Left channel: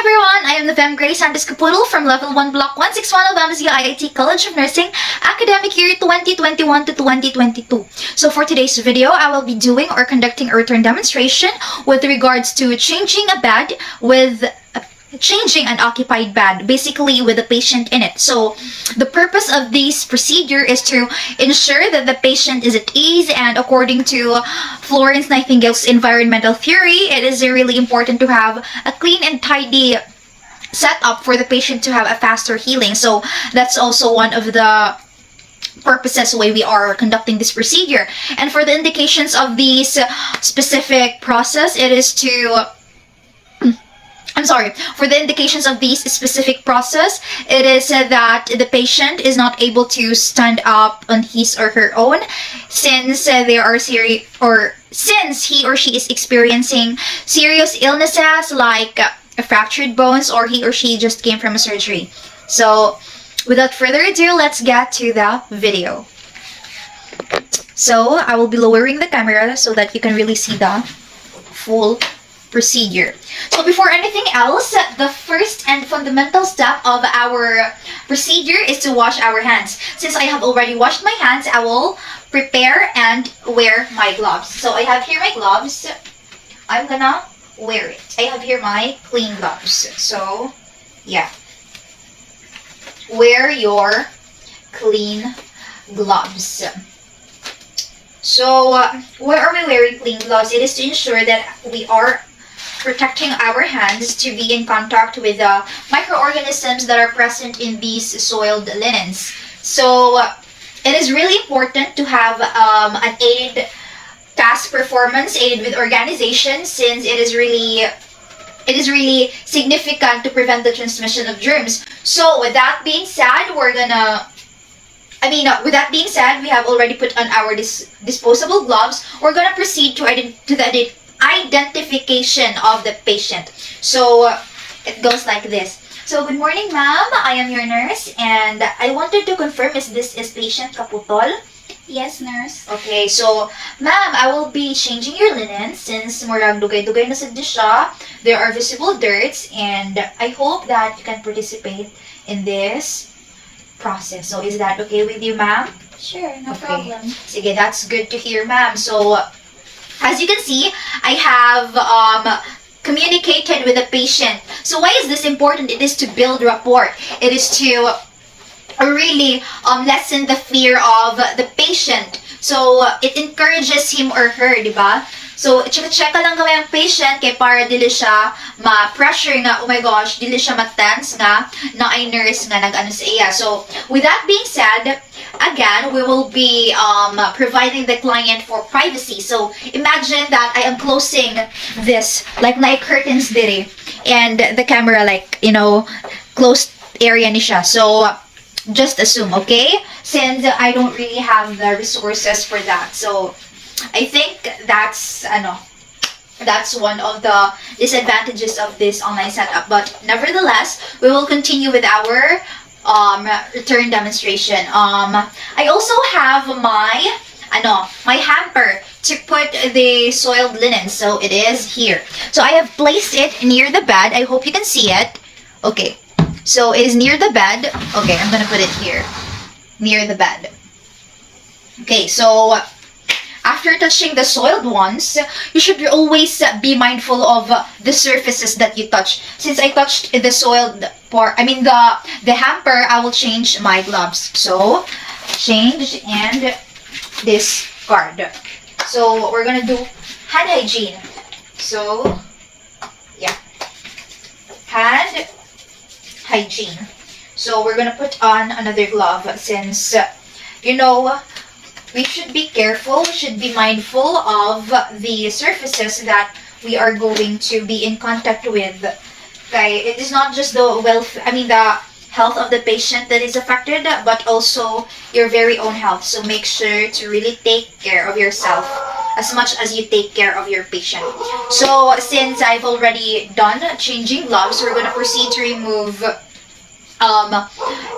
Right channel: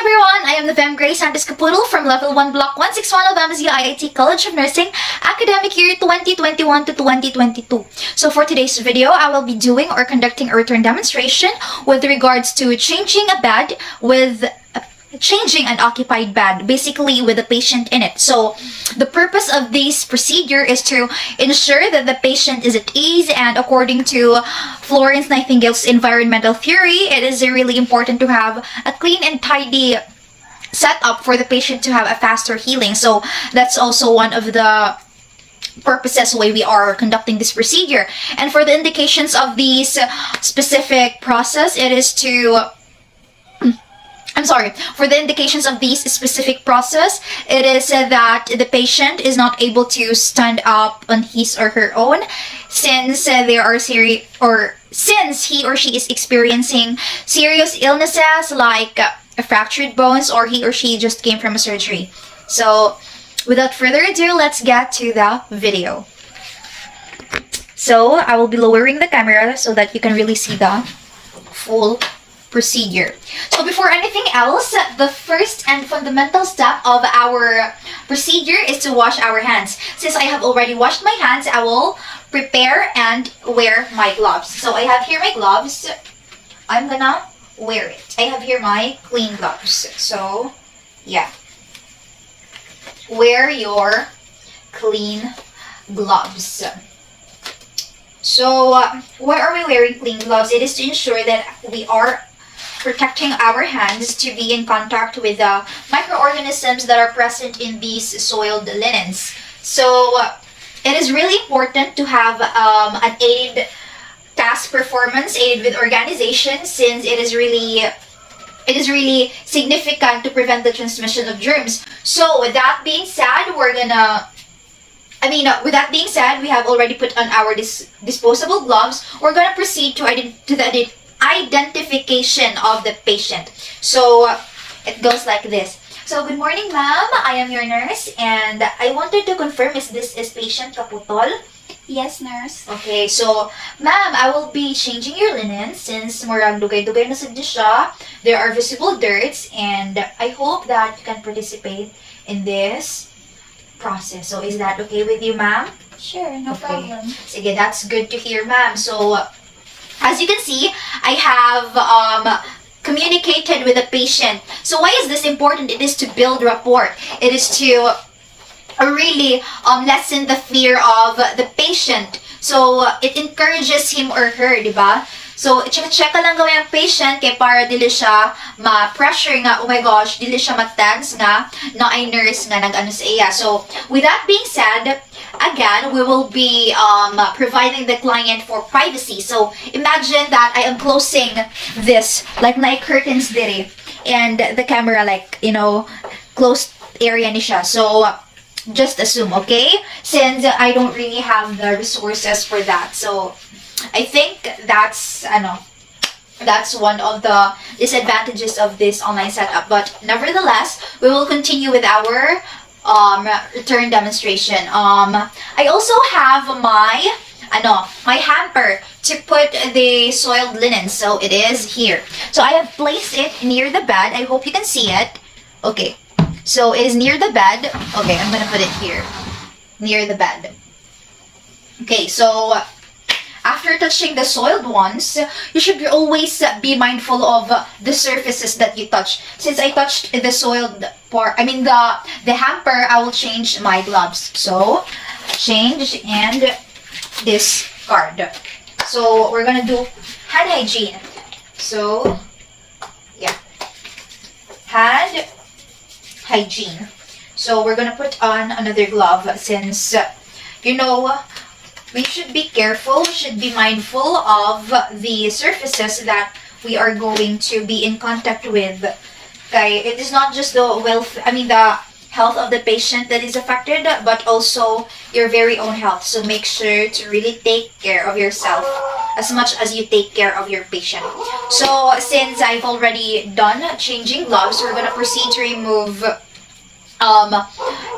everyone, I am the Fem Grace Santos Capoodle from Level 1 Block 161 of MSU IIT College of Nursing, academic year 2021 to 2022. So for today's video, I will be doing or conducting a return demonstration with regards to changing an occupied bed, basically with the patient in it. So the purpose of this procedure is to ensure that the patient is at ease, and according to Florence Nightingale's environmental theory, it is really important to have a clean and tidy setup for the patient to have a faster healing. So that's also one of the purposes why we are conducting this procedure. And for the indications of this specific process, it is to for the indications of this specific process, it is that the patient is not able to stand up on his or her own since since he or she is experiencing serious illnesses like fractured bones, or he or she just came from a surgery. So without further ado, let's get to the video. So I will be lowering the camera so that you can really see the full procedure. So before anything else, the first and fundamental step of our procedure is to wash our hands. Since I have already washed my hands, I will prepare and wear my gloves. So I have here my gloves. I'm gonna wear it. I have here my clean gloves. So yeah, wear your clean gloves. So why are we wearing clean gloves? It is to ensure that we are protecting our hands to be in contact with the microorganisms that are present in these soiled linens. So it is really important to have an aided task performance, aided with organization, since it is really significant to prevent the transmission of germs. So with that being said, we have already put on our disposable gloves. We're gonna proceed to the identification of the patient. So it goes like this. So good morning, ma'am. I am your nurse, and I wanted to confirm if this is patient Kaputol. Yes, nurse. Okay, so ma'am, I will be changing your linen since murag dugay-dugay na sad siya. There are visible dirts, and I hope that you can participate in this process. So is that okay with you, ma'am? Sure, no problem. Sige, that's good to hear, ma'am. So as you can see, I have communicated with the patient. So why is this important? It is to build rapport. It is to really lessen the fear of the patient. So it encourages him or her, di ba? So check lang gawin ang patient kay para dili siya ma-pressure nga, oh my gosh, dili siya ma-tense nga na ay nurse nga nag-ano sa iya. So with that being said, again, we will be providing the client for privacy. So imagine that I am closing this like my curtains diri, and the camera like, closed area ni siya. So just assume, okay? Since I don't really have the resources for that. So I think that's one of the disadvantages of this online setup. But nevertheless, we will continue with our return demonstration. I also have my hamper to put the soiled linen. So it is here. So I have placed it near the bed. I hope you can see it. Okay. So it is near the bed. Okay, I'm gonna put it here. Near the bed. Okay, so after touching the soiled ones, you should always be mindful of the surfaces that you touch. Since I touched the soiled part, the hamper, I will change my gloves. So, change and discard. So, we're gonna do hand hygiene. So, yeah. Hand hygiene. So, we're gonna put on another glove since, we should be careful, we should be mindful of the surfaces that we are going to be in contact with. Okay, it is not just the health of the patient that is affected, but also your very own health. So make sure to really take care of yourself as much as you take care of your patient. So since I've already done changing gloves, we're gonna proceed to remove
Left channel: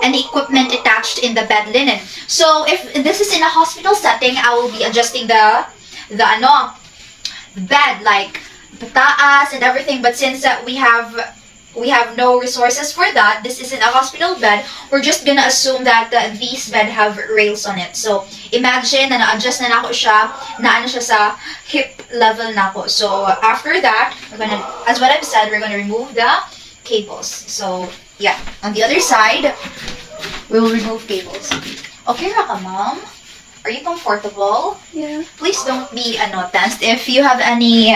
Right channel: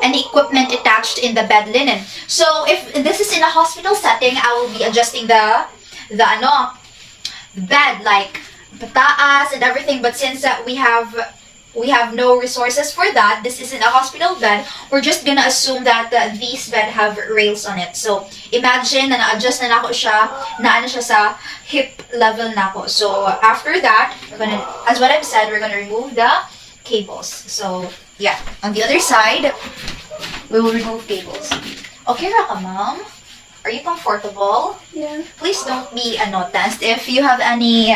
any equipment attached in the bed linen. So if this is in a hospital setting, I will be adjusting the bed, like the taas and everything. But since we have we have no resources for that, this isn't a hospital bed, we're just gonna assume that these bed have rails on it. So, imagine na na-adjust na nako siya, na ano siya sa hip level nako. So, after that, as what I've said, we're gonna remove the cables. So, yeah. On the other side, we will remove cables. Okay ra ka, ma'am? Are you comfortable? Yeah. Please don't be tensed. If you have any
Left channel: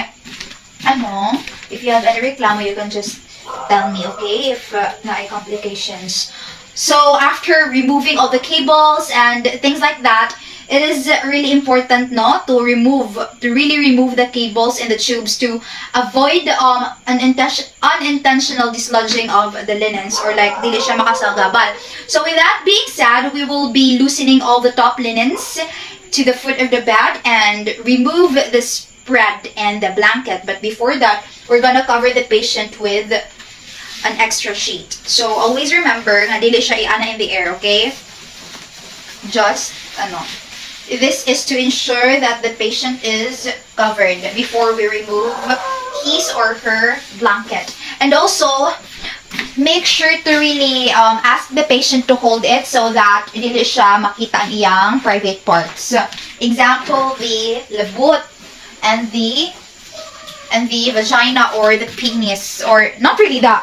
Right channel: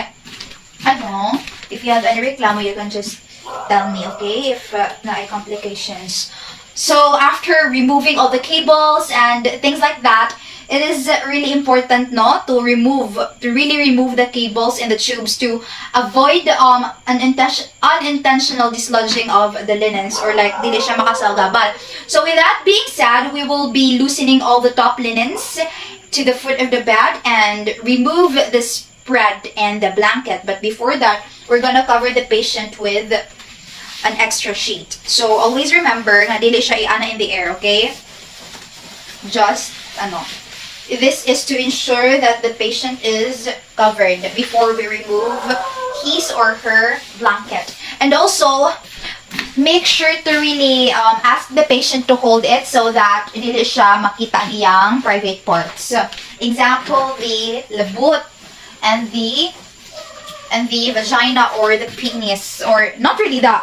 if you have any reklamo, you can just tell me, okay? If na ay complications. So after removing all the cables and things like that, it is really important to really remove the cables and the tubes to avoid unintentional dislodging of the linens, or like dili siya makasalgaban. So with that being said, we will be loosening all the top linens to the foot of the bed and remove the spread and the blanket. But before that, we're gonna cover the patient with an extra sheet. So always remember na dili siya iana in the air, okay? Just this is to ensure that the patient is covered before we remove his or her blanket. And also, make sure to really ask the patient to hold it so that hindi siya makita ang iyang private parts. Example, the labut and the vagina or the penis, or not really the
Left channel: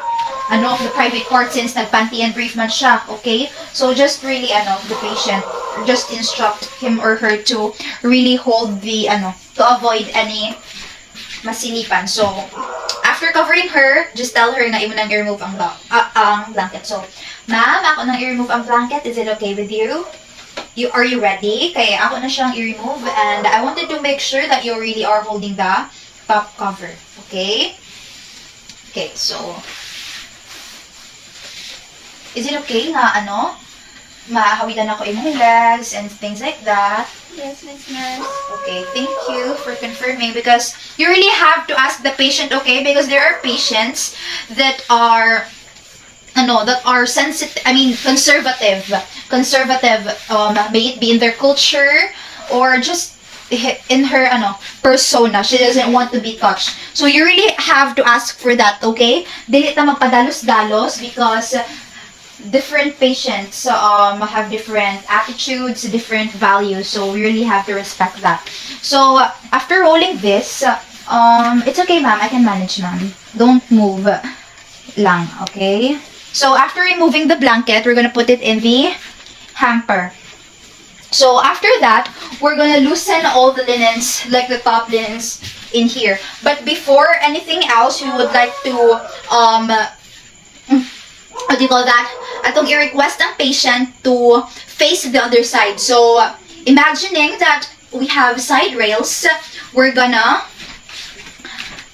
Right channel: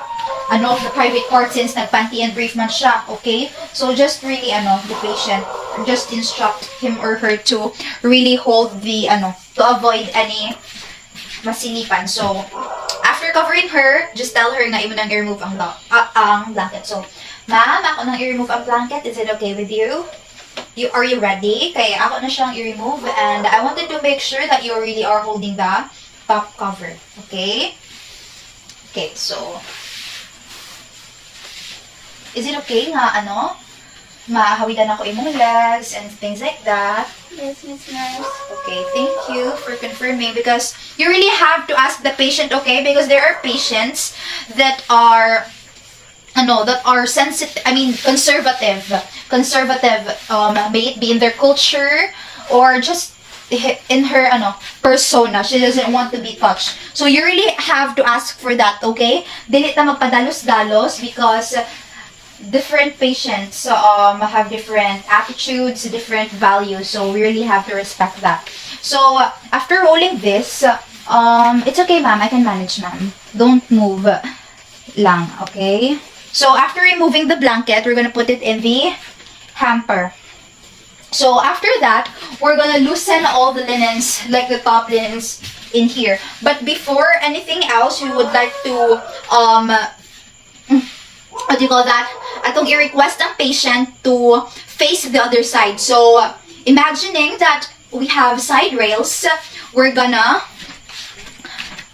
the private part, since nagpanty and brief man siya, okay? So just really the patient, just instruct him or her to really hold the to avoid any masilipan. So after covering her, just tell her na imo nang i-remove ang blanket. So, ma'am, ako nang i-remove ang blanket. Is it okay with you? Are you ready? Kaya ako na siyang i-remove, and I wanted to make sure that you really are holding the top cover. Okay? Okay, so is it okay nga mahawitan ako imong legs and things like that? Yes, Miss Nurse. Okay, thank you for confirming, because you really have to ask the patient, okay? Because there are patients that are sensitive, conservative, may it be in their culture or just in her persona. She doesn't want to be touched. So you really have to ask for that, okay? Dili ta magpadalos-dalos, because different patients have different attitudes, different values, so we really have to respect that. So after rolling this, it's okay, ma'am, I can manage, ma'am. Don't move lang, okay? So after removing the blanket, we're gonna put it in the hamper. So after that, we're gonna loosen all the linens, like the top linens in here. But before anything else, we would like to what do you call that? Atong i-request ang patient to face the other side. So, imagining that we have side rails, we're gonna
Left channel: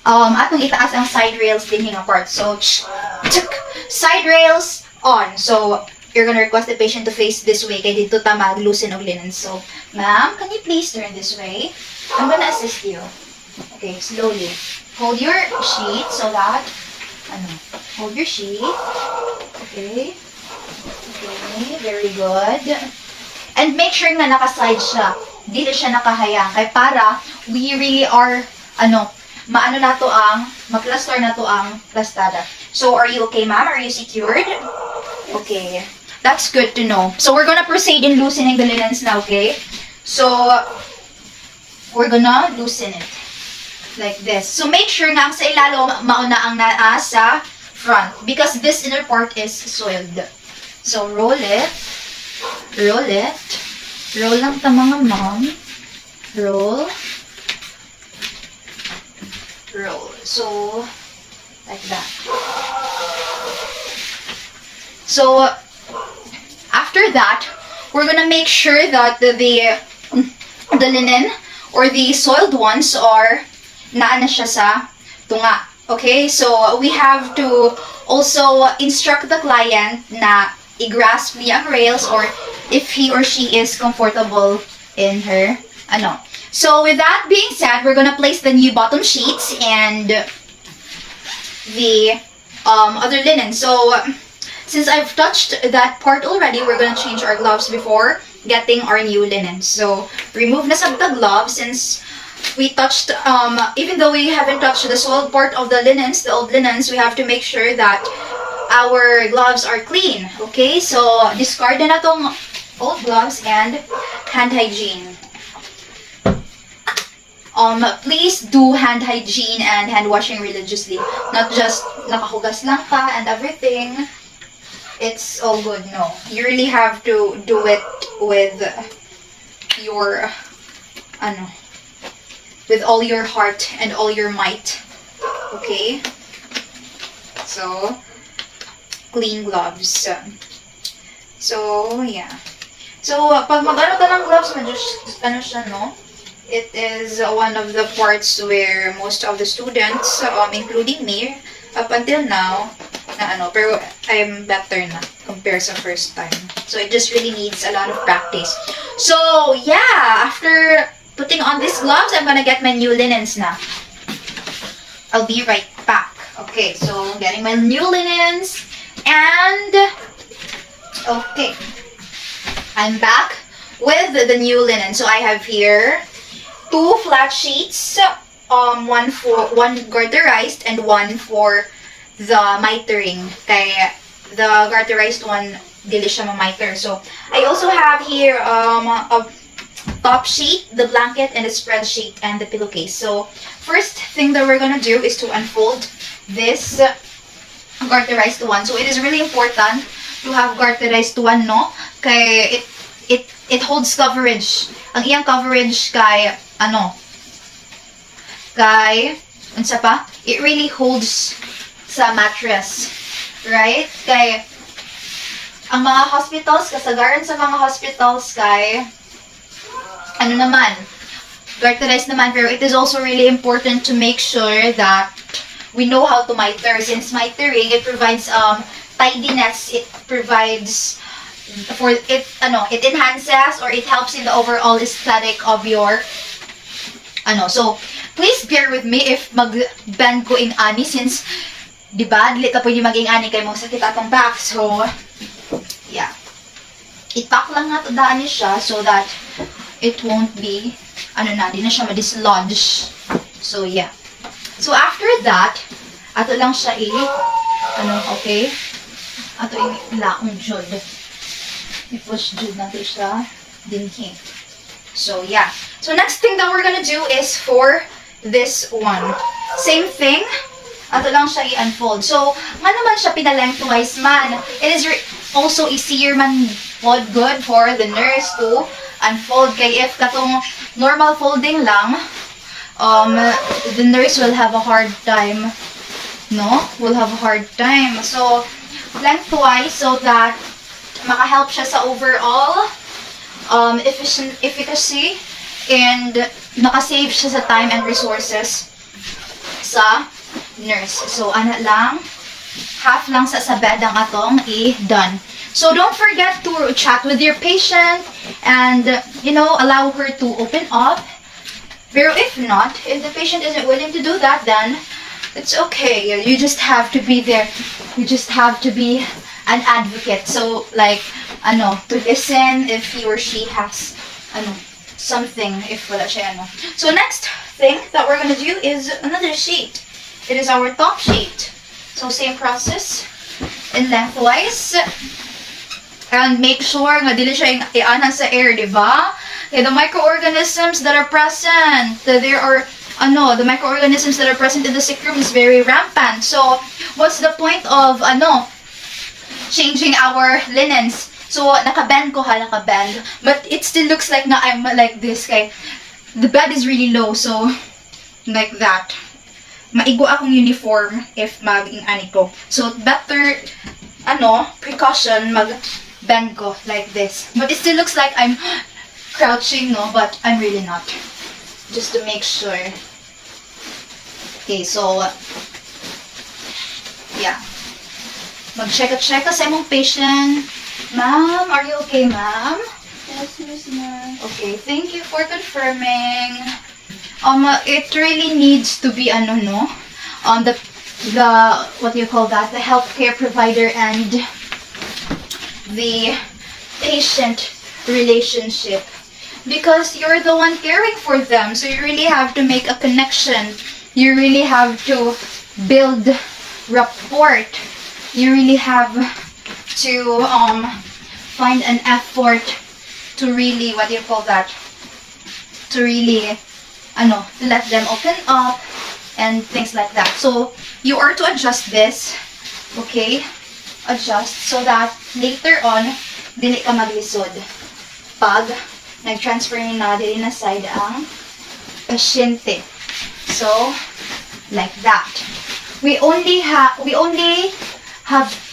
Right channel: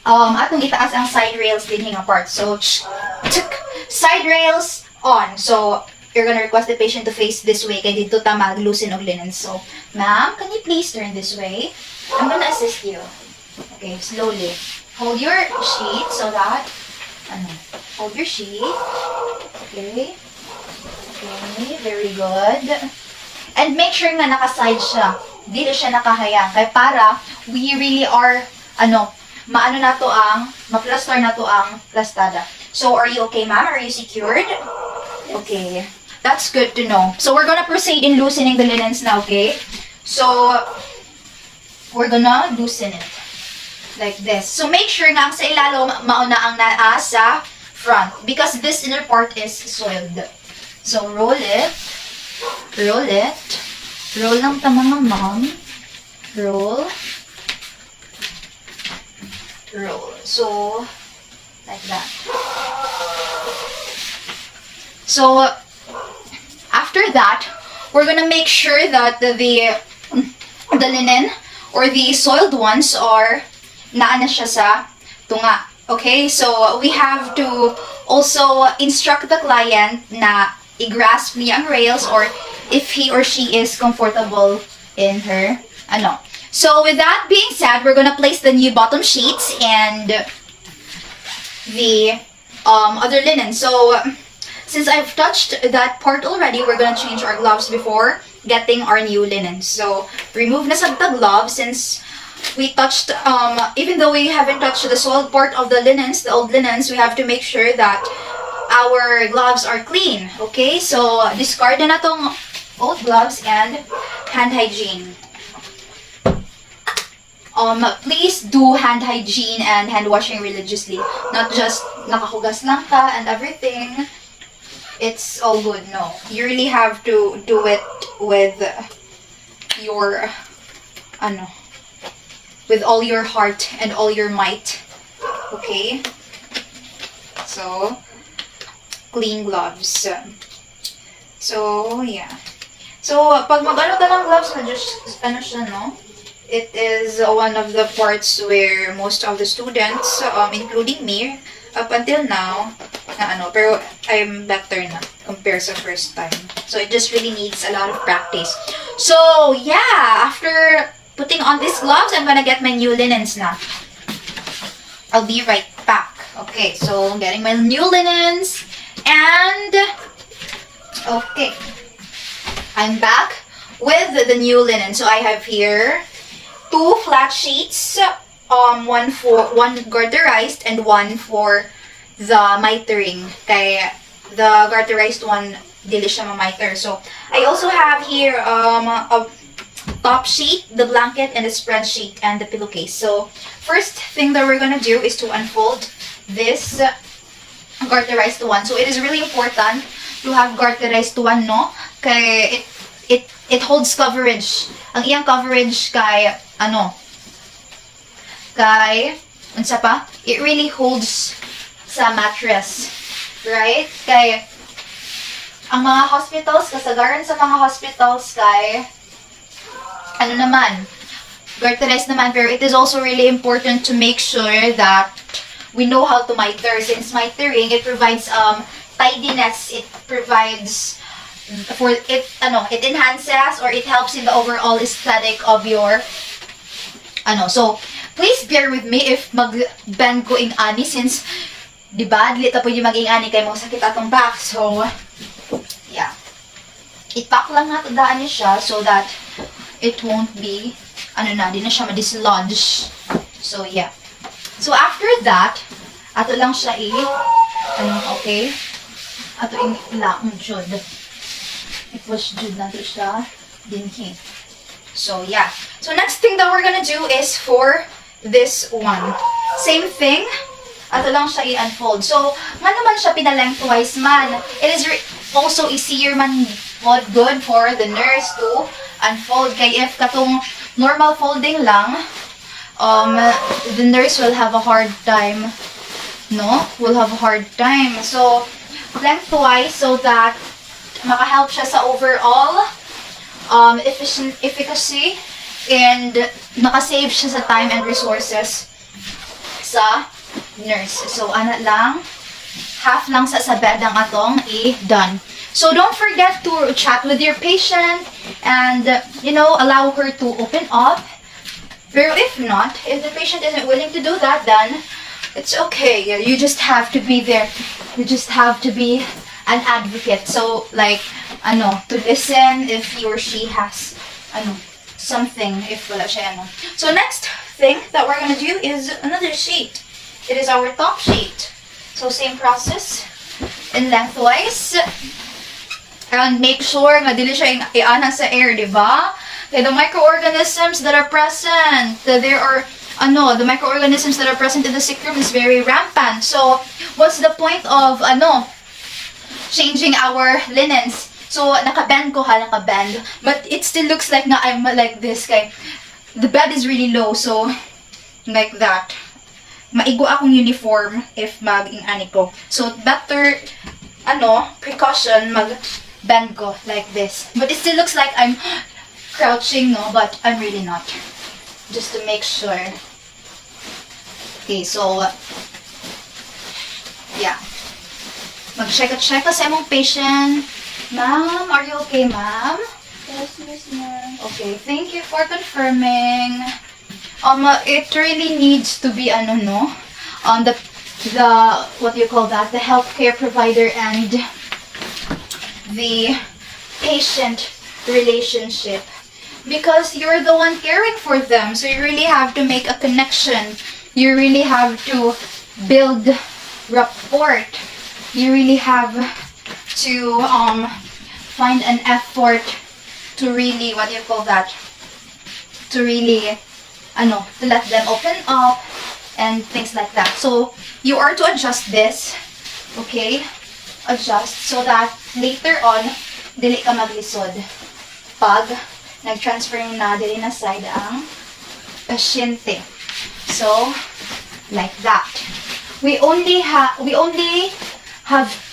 atong itaas ang side rails din hing apart. So, side rails on. So, you're gonna request the patient to face this way kay dito ta mag-loosen og linen. So, ma'am, can you please turn this way? I'm gonna assist you. Okay, slowly. Hold your sheet so that hold your sheet. Okay. Okay, very good. And make sure na naka-slide siya. Dili siya nakahayang. Kaya para we really are, ma-plaster na to ang plastada. So, are you okay, ma'am? Are you secured? Okay. That's good to know. So, we're gonna proceed in loosening the linens now, okay? So, we're gonna loosen it. Like this. So, make sure nga sa ilalo mauna ang naa sa front, because this inner part is soiled. So, roll it. Roll it. Roll lang ta mga ma'am. Roll. Roll. So, like that. So, after that, we're gonna make sure that the linen or the soiled ones are naana siya sa tunga. Okay, so we have to also instruct the client na i-grasp niya ang rails, or if he or she is comfortable in her So with that being said, we're gonna place the new bottom sheets and the other linen. So since I've touched that part already, we're gonna change our gloves before getting our new linen. So remove na sa the gloves, since we touched, even though we haven't touched the soiled part of the linens, the old linens, we have to make sure that our gloves are clean. Okay, so discard na tong old gloves and hand hygiene. Please do hand hygiene and hand washing religiously. Not just nakahugas lang ka and everything. It's all good. No. You really have to do it with your, with all your heart and all your might. Okay? So, clean gloves. So, yeah. So, pag mag-ano ng gloves, just, siya, no? It is one of the parts where most of the students, including me, up until now, pero I'm better na compared sa first time. So it just really needs a lot of practice. So yeah, after putting on these gloves, I'm gonna get my new linens na. I'll be right back. Okay, so getting my new linens and okay, I'm back with the new linen. So I have here 2 flat sheets, one garterized and one for the mitering. Kaya the garterized one, dili siya ma-miter. So I also have here a top sheet, the blanket, and the spreadsheet, and the pillowcase. So first thing that we're gonna do is to unfold this garterized one. So it is really important to have garterized one, no? Kaya it holds coverage. Ang iyang coverage kay unsa pa? It really holds sa mattress, right? Kay ang mga hospitals, kasagaran sa mga hospitals kay garterized naman, pero it is also really important to make sure that we know how to miter. Since mitering, it provides tidiness, it provides it enhances or it helps in the overall aesthetic of your so please bear with me if mag-bend ko in ani, since diba dili ta pwede maging ani kay mo sakit atong back. So yeah, ipak lang natin daan niya siya so that it won't be di na siya ma-dislodge. So yeah, so after that ato lang siya okay, ato laong jud. It was jud natin siya dinhi. So yeah, so next thing that we're gonna do is for this one. Same thing, ato lang siya i-unfold. So man naman siya pinalengthwise man, it is also easier man good for the nurse to unfold. Kay if katong normal folding lang, the nurse will have a hard time, So lengthwise, so that makahelp siya sa overall efficacy, and makasave siya sa time and resources sa nurse. So lang, half lang sa bed ang atong i-done. So don't forget to chat with your patient and allow her to open up. Pero if not, if the patient isn't willing to do that, then it's okay. You just have to be there. You just have to be an advocate. So to listen if he or she has something, if wala siya So next thing that we're gonna do is another sheet. It is our top sheet. So same process in lengthwise. And make sure nga dili siya iana sa air, di ba? The microorganisms that are present, there are the microorganisms that are present in the sick room is very rampant. So what's the point of changing our linens? So nakabend ko nakabend, but it still looks like na I'm like this. Kay the bed is really low, so like that. Maigo akong uniform if mag-ingani ko. So better precaution mag-bend ko like this. But it still looks like I'm crouching, but I'm really not. Just to make sure. Okay, so yeah. Mag-check sa imong patient. Ma'am, are you okay, ma'am? Yes, Miss Nurse. Okay, thank you for confirming. It really needs to be the what do you call that? The healthcare provider and the patient relationship. because you're the one caring for them. So you really have to make a connection. You really have to build rapport. You really have to find an effort to really, what do you call that? To really, to let them open up and things like that. So you are to adjust this, okay? Adjust so that later on, dili ka maglisod. Pag nag-transfer na dili na side ang pasyente. So, like that. We only have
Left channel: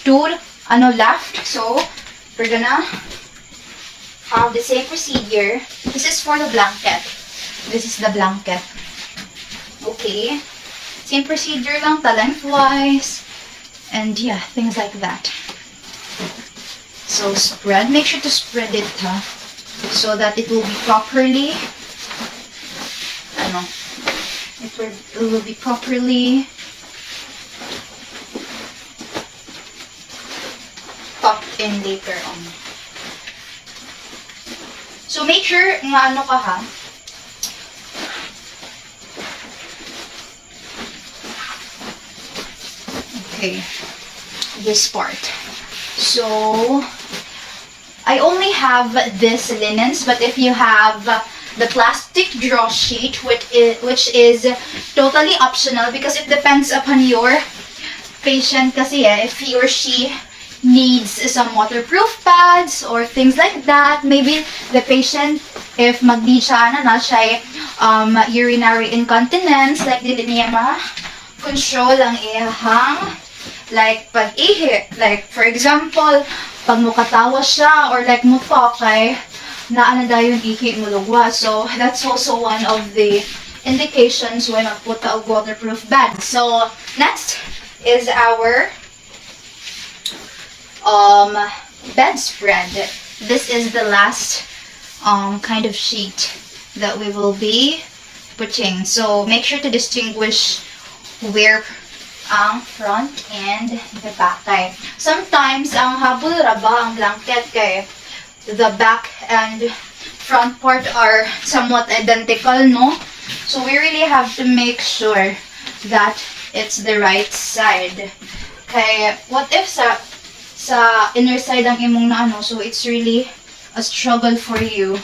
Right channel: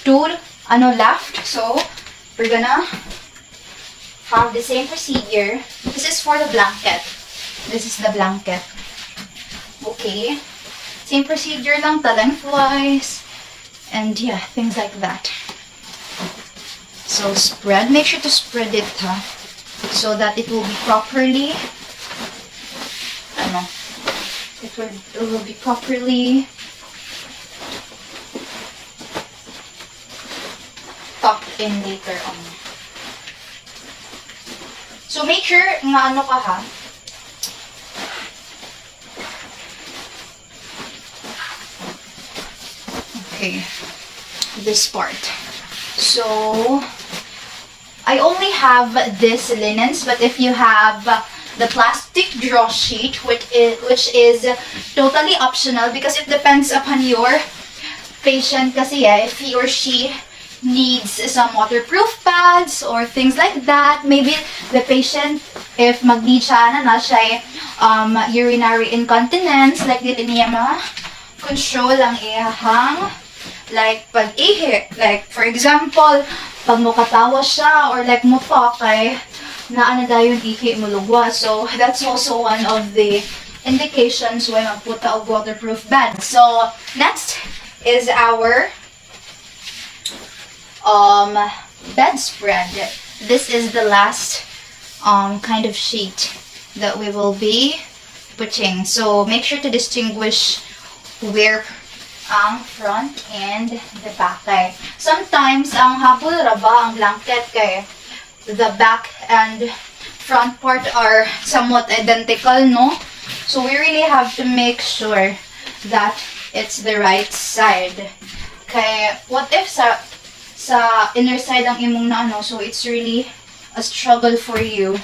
two left. So, we're gonna have the same procedure. This is for the blanket. This is the blanket. Okay. Same procedure lang, lengthwise. And yeah, things like that. So, spread. Make sure to spread it, so that it will be properly, it will be properly tucked in later on. So make sure nga ka ha. Okay, this part. So I only have this linens, but if you have the plastic draw sheet, which is totally optional because it depends upon your patient kasi if he or she needs some waterproof pads or things like that. Maybe the patient, if mag-need siya siya urinary incontinence, like dili niya ma-control ang iyahang like pag-ihi. Like for example, pag mukatawa siya or like mupa kay naano dayon ihi mo lugwa. So that's also one of the indications why magputa og waterproof bed. So next is our bedspread. This is the last kind of sheet that we will be putting. So make sure to distinguish where ang front and the back kay sometimes ang habol ra ba ang blanket kay the back and front part are somewhat identical, no? So we really have to make sure that it's the right side. Kay what if sa inner side ang imong so it's really a struggle for you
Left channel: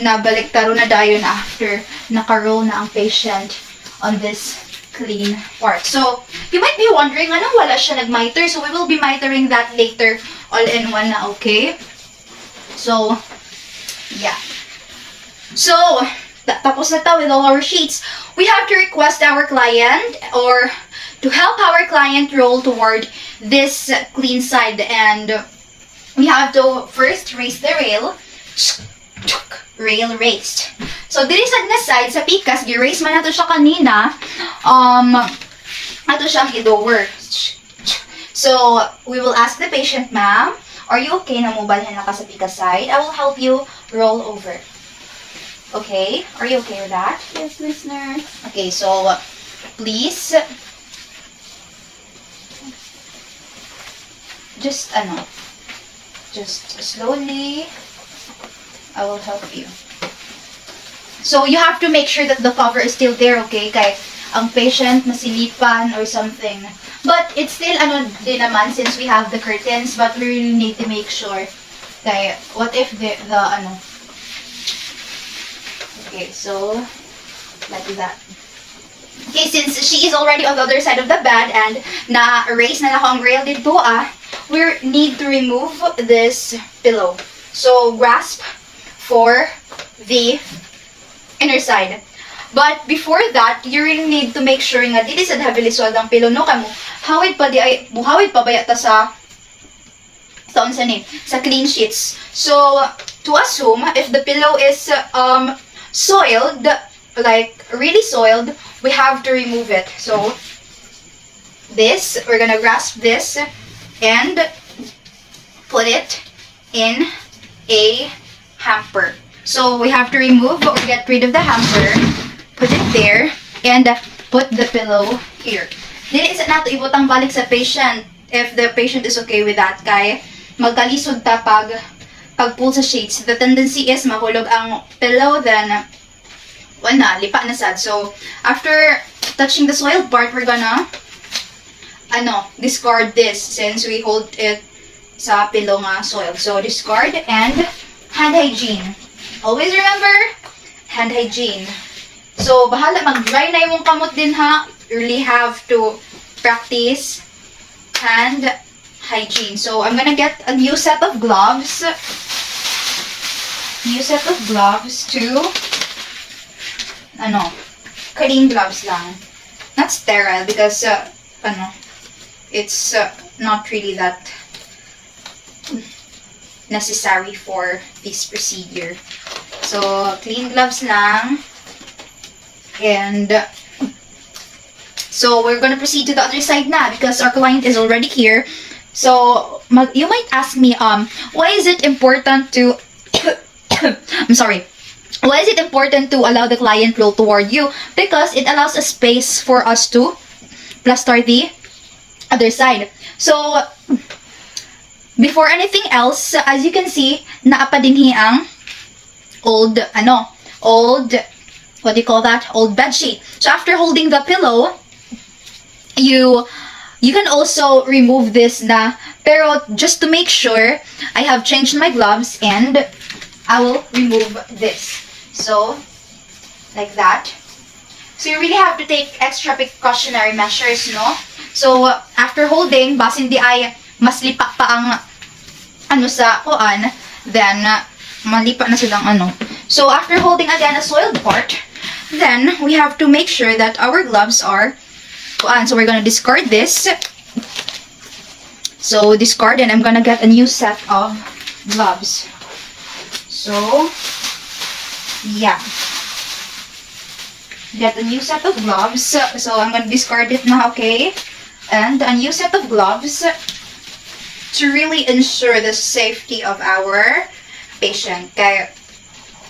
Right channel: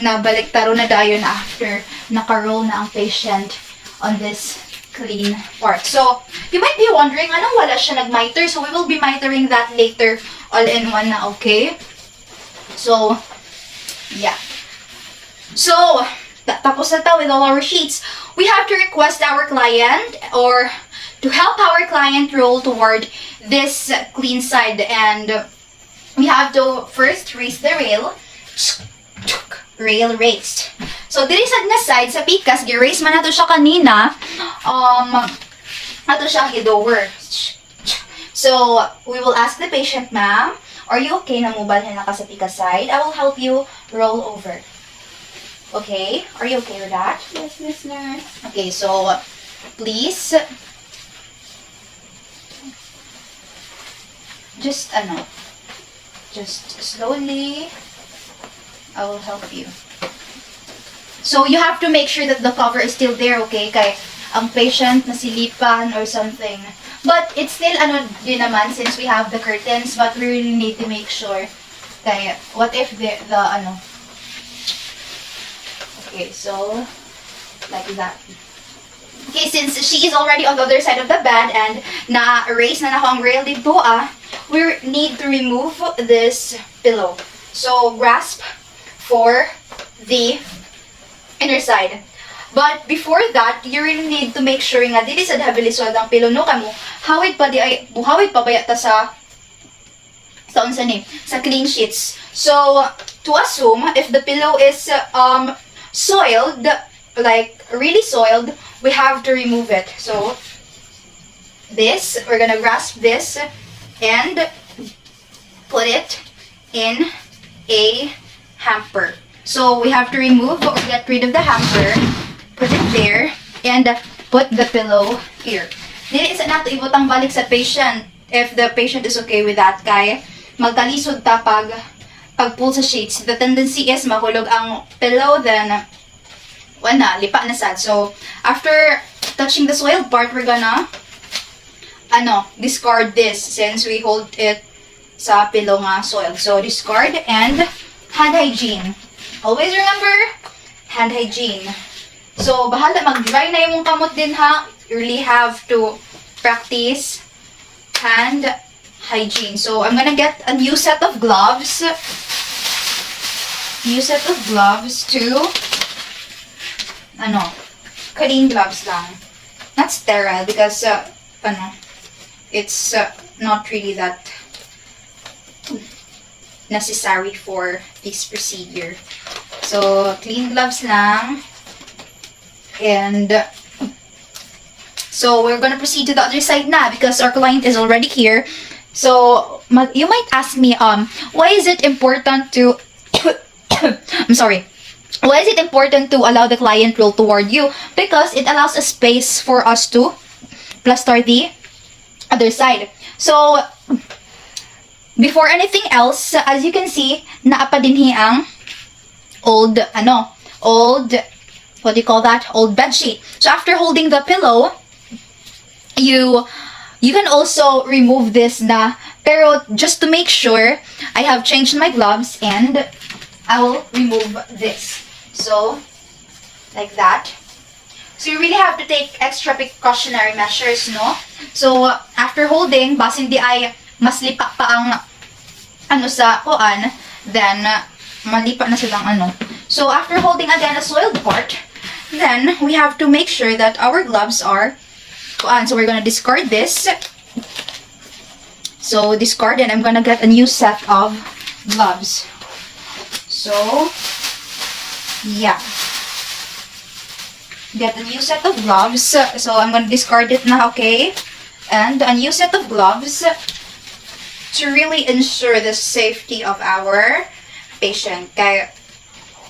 na baliktaro na dayon after naka-roll na ang patient on this clean part. So, you might be wondering, wala siya nag-miter? So, we will be mitering that later all in one na, okay? So, yeah. So, tapos na tayo with all our sheets. We have to request our client or to help our client roll toward this clean side. And we have to first raise the rail. Rail raised. So, dili sad nga side sa pikas, gi-raise man nato siya kanina. Ato siya i-lower. So, we will ask the patient, ma'am, are you okay na mubalhin na ka sa pikas side? I will help you roll over. Okay? Are you okay with that? Yes, Miss Nurse. Okay, so, please, just slowly, I will help you. So, you have to make sure that the cover is still there, okay? Kay ang patient nasilipan or something. But it's still, din naman, since we have the curtains, but we really need to make sure. Kay, what if the okay, so, like that. Okay, since she is already on the other side of the bed and na-erase na ako ang rail dito, we need to remove this pillow. So, grasp for the inner side. But before that, you really need to make sure nga dili sad habiliswag ang pillow no kamo hawid pa bayat ta sa clean sheets. So to assume if the pillow is soiled, like really soiled, we have to remove it. So this, we're gonna grasp this and put it in a hamper. So we have to remove or get rid of the hamper, put it there, and put the pillow here. Dili isa nato ibutang balik sa patient if the patient is okay with that kay magkalisod ta pag pag-pull sa sheets, the tendency is mahulog ang pillow, then wala, lipa na sad. So, after touching the soiled part, we're gonna discard this since we hold it sa pillow nga soil. So, discard and hand hygiene. Always remember, hand hygiene. So, bahala, mag-dry na yung kamot din ha. You really have to practice hand hygiene. So, I'm gonna get a new set of gloves. New set of gloves to, clean gloves lang. Not sterile because, it's not really that necessary for this procedure. So, clean gloves lang. And so we're gonna proceed to the other side now because our client is already here. So you might ask me, why is it important to I'm sorry. Why is it important to allow the client roll toward you? Because it allows a space for us to plaster the other side. So before anything else, as you can see, naapa dinhi ang old what do you call that? Old bed sheet. So after holding the pillow, you can also remove this na. Pero just to make sure, I have changed my gloves and I will remove this. So, like that. So you really have to take extra precautionary measures, no? So after holding, basin di ay mas lipa pa ang sa kuan, then malipa na silang So after holding again a soiled part, then we have to make sure that our gloves are kuan. So we're gonna discard this. So discard, and I'm gonna get a new set of gloves. So yeah, get a new set of gloves. So I'm gonna discard it now, okay? And a new set of gloves to really ensure the safety of our patient. Okay,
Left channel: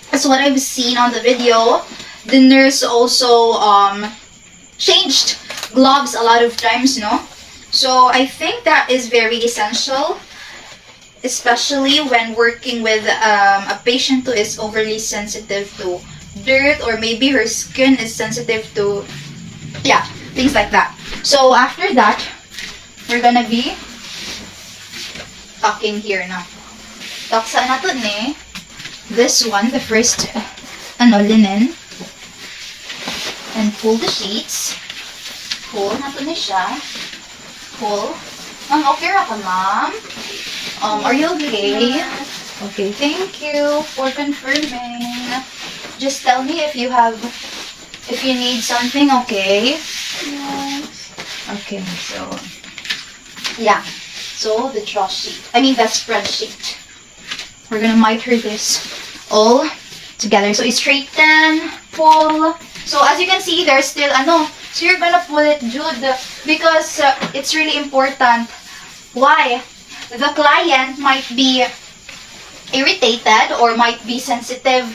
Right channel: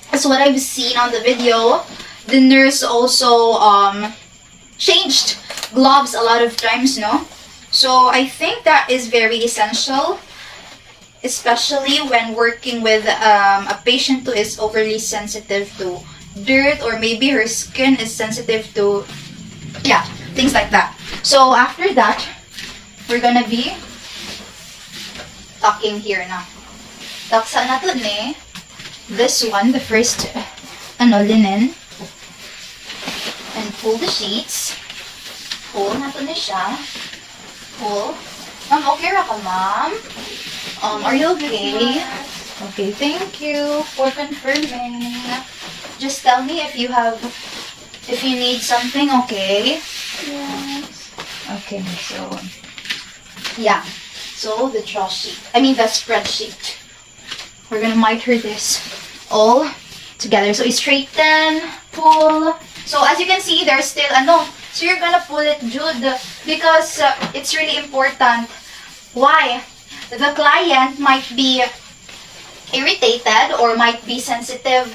that's what I've seen on the video. The nurse also changed gloves a lot of times, no? So I think that is very essential, especially when working with a patient who is overly sensitive to dirt, or maybe her skin is sensitive to, things like that. So after that, we're gonna be tucking here now. Tuck sa nato ni this one, the first linen, and pull the sheets. Pull nato ni siya. Pull. Okay ra ka, ma'am? Are you okay? Okay, thank you for confirming. Just tell me if you need something, okay? Yes. Okay, so yeah. So the the spreadsheet. We're gonna miter this all together. So straighten, pull. So as you can see, there's still so you're gonna pull it, Jude, because it's really important. Why? The client might be irritated or might be sensitive.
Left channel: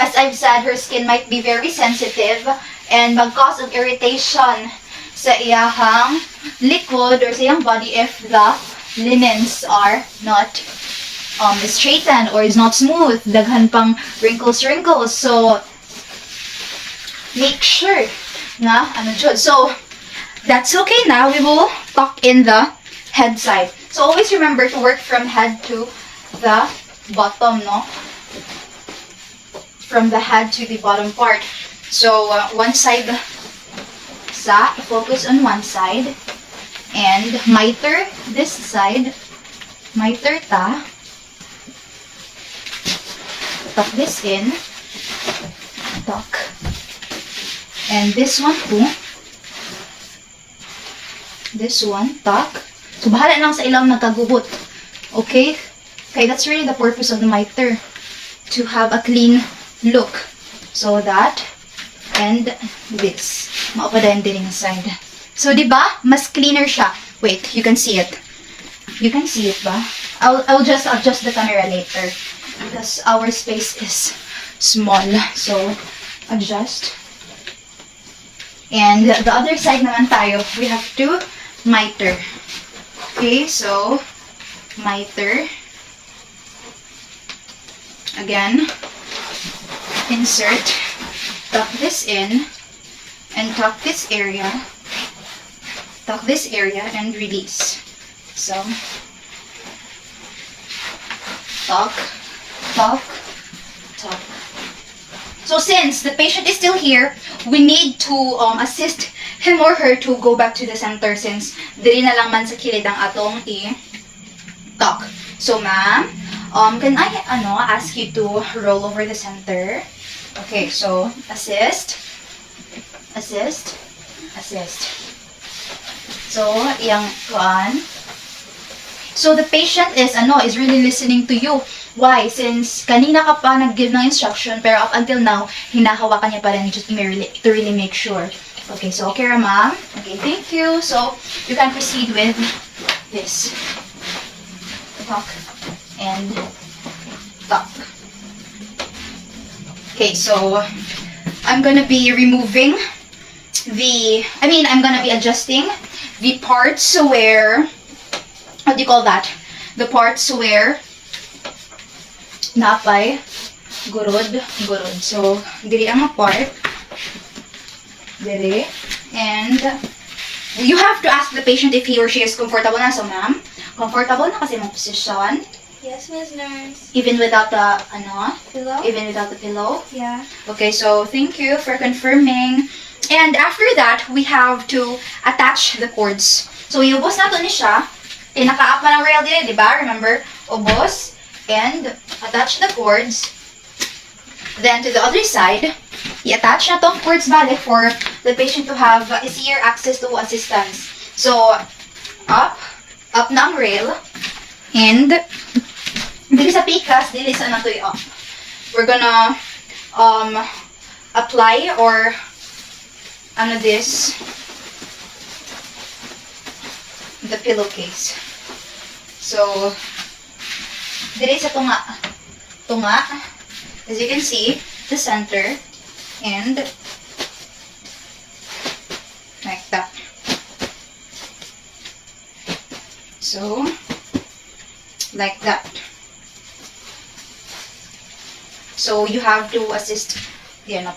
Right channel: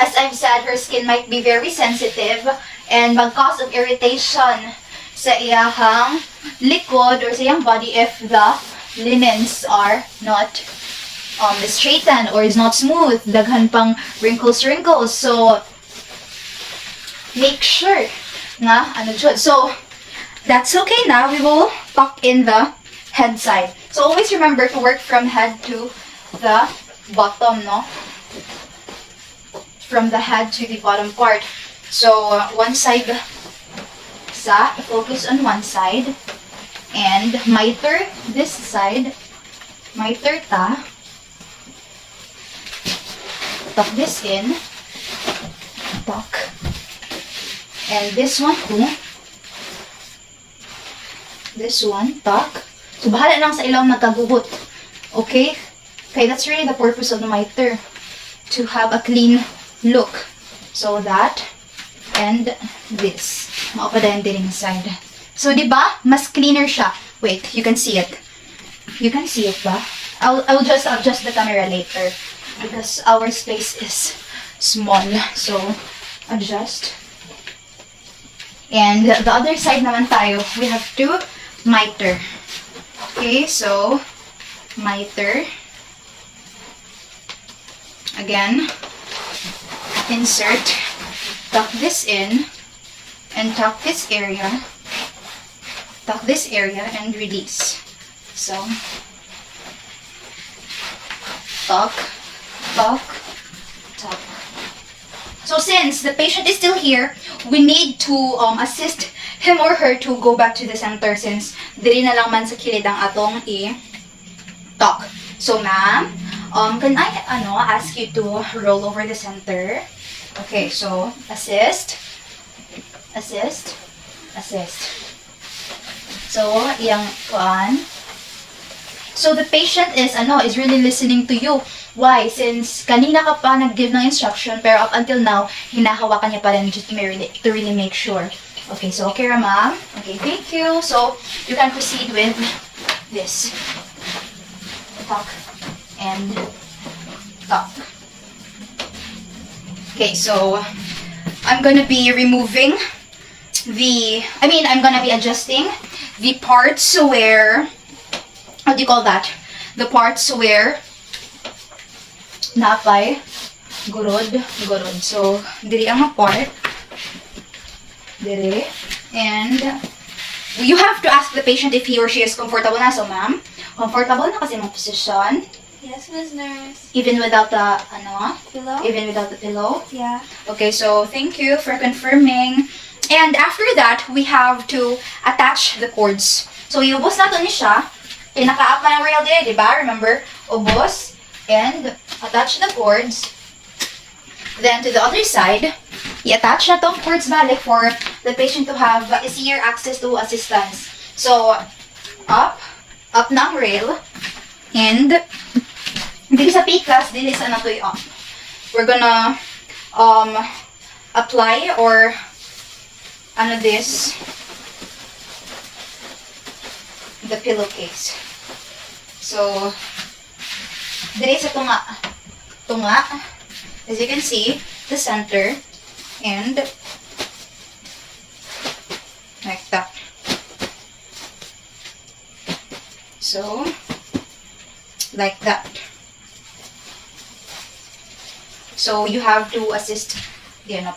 As I've said, her skin might be very sensitive and mag-cause of irritation sa iyahang likod or sa iyang body if the linens are not straightened or is not smooth. Daghan pang wrinkles. So make sure nga So that's okay now. We will tuck in the head side. So always remember to work from head to the bottom, no? From the head to the bottom part. So one side focus on one side and miter this side. Miter ta. Tuck this in. Tuck. And this one too. This one, tuck. So, bahala lang sa ilaw nagkagugot. Okay? Okay, that's really the purpose of the miter. To have a clean look. So, that. And this. Maupadayan din inside. So, di ba? Mas cleaner siya. Wait, you can see it. You can see it ba? I'll just adjust the camera later. Because our space is small. So, adjust. And the other side naman tayo, we have to miter. Okay, so miter. Again, insert, tuck this in, and tuck this area, and release. So, tuck, tuck, tuck. So since the patient is still here, we need to assist him or her to go back to the center since dili na lang man sa kilid ang atong i-tuck. So ma'am, can I ask you to roll over the center? Okay, so assist, assist, assist. So yang one. So the patient is really listening to you. Why? Since kanina ka pa nag-give ng instruction, pero up until now, hinahawakan niya pa rin just to really make sure. Okay, so okay, ma'am. Okay, thank you. So, you can proceed with this. Tuck and tuck. Okay, so, I'm gonna be removing I'm gonna be adjusting the parts where, what do you call that? The parts where napay gurod. So diri ang part, diri, and you have to ask the patient if he or she is comfortable na. So ma'am, comfortable na kasi mong position Yes, Miss Nurse. even without the Pillow? even without the pillow. Yeah. Okay, so thank you for confirming. And after that, we have to attach the cords. So iubos na to ni siya. Pinaka-up na ng rail din, di ba? Remember? Ubos. And attach the cords. Then to the other side, i-attach na tong cords balik for the patient to have easier access to assistance. So, up na ang rail. And, dili sa pikas, dili sa nato up. We're gonna apply or this, the pillowcase. So, diri sa tunga, as you can see, the center, and like that. So, like that. So, you have to assist,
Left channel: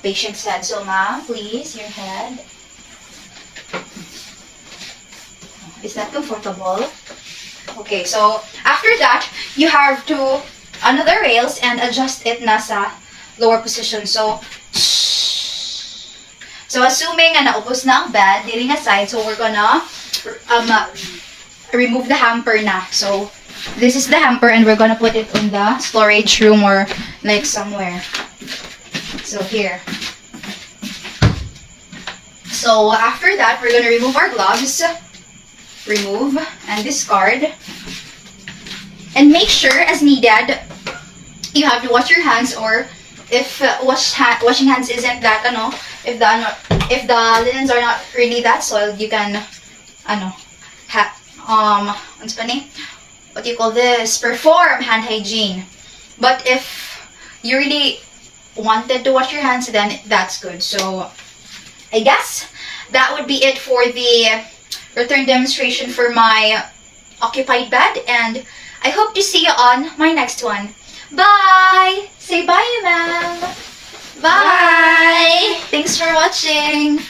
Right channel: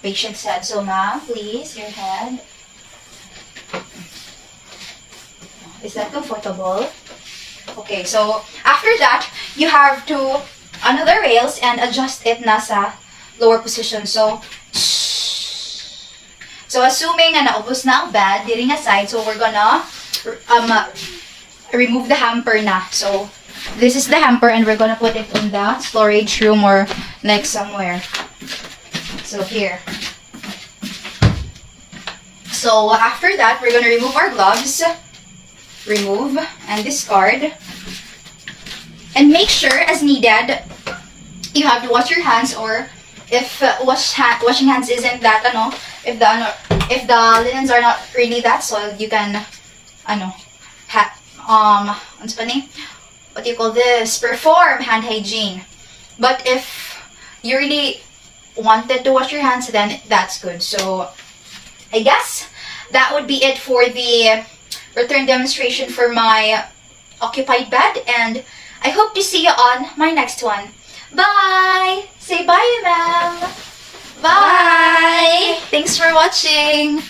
patient's head. So, ma'am, please, your head. Is that comfortable? Okay, so after that, you have to the rails and adjust it nasa lower position. So assuming na naubos na ang bed, diri nga side, so we're gonna remove the hamper na. So this is the hamper and we're gonna put it in the storage room or like somewhere. So here. So after that, we're gonna remove our gloves. Remove and discard. And make sure, as needed, you have to wash your hands, or if washing hands isn't that, if the linens are not really that soiled, you can, what do you call this? Perform hand hygiene. But if you really wanted to wash your hands, then that's good. So, I guess that would be it for the return demonstration for my occupied bed, and I hope to see you on my next one. Bye! Say bye, ma'am! Bye! Thanks for watching!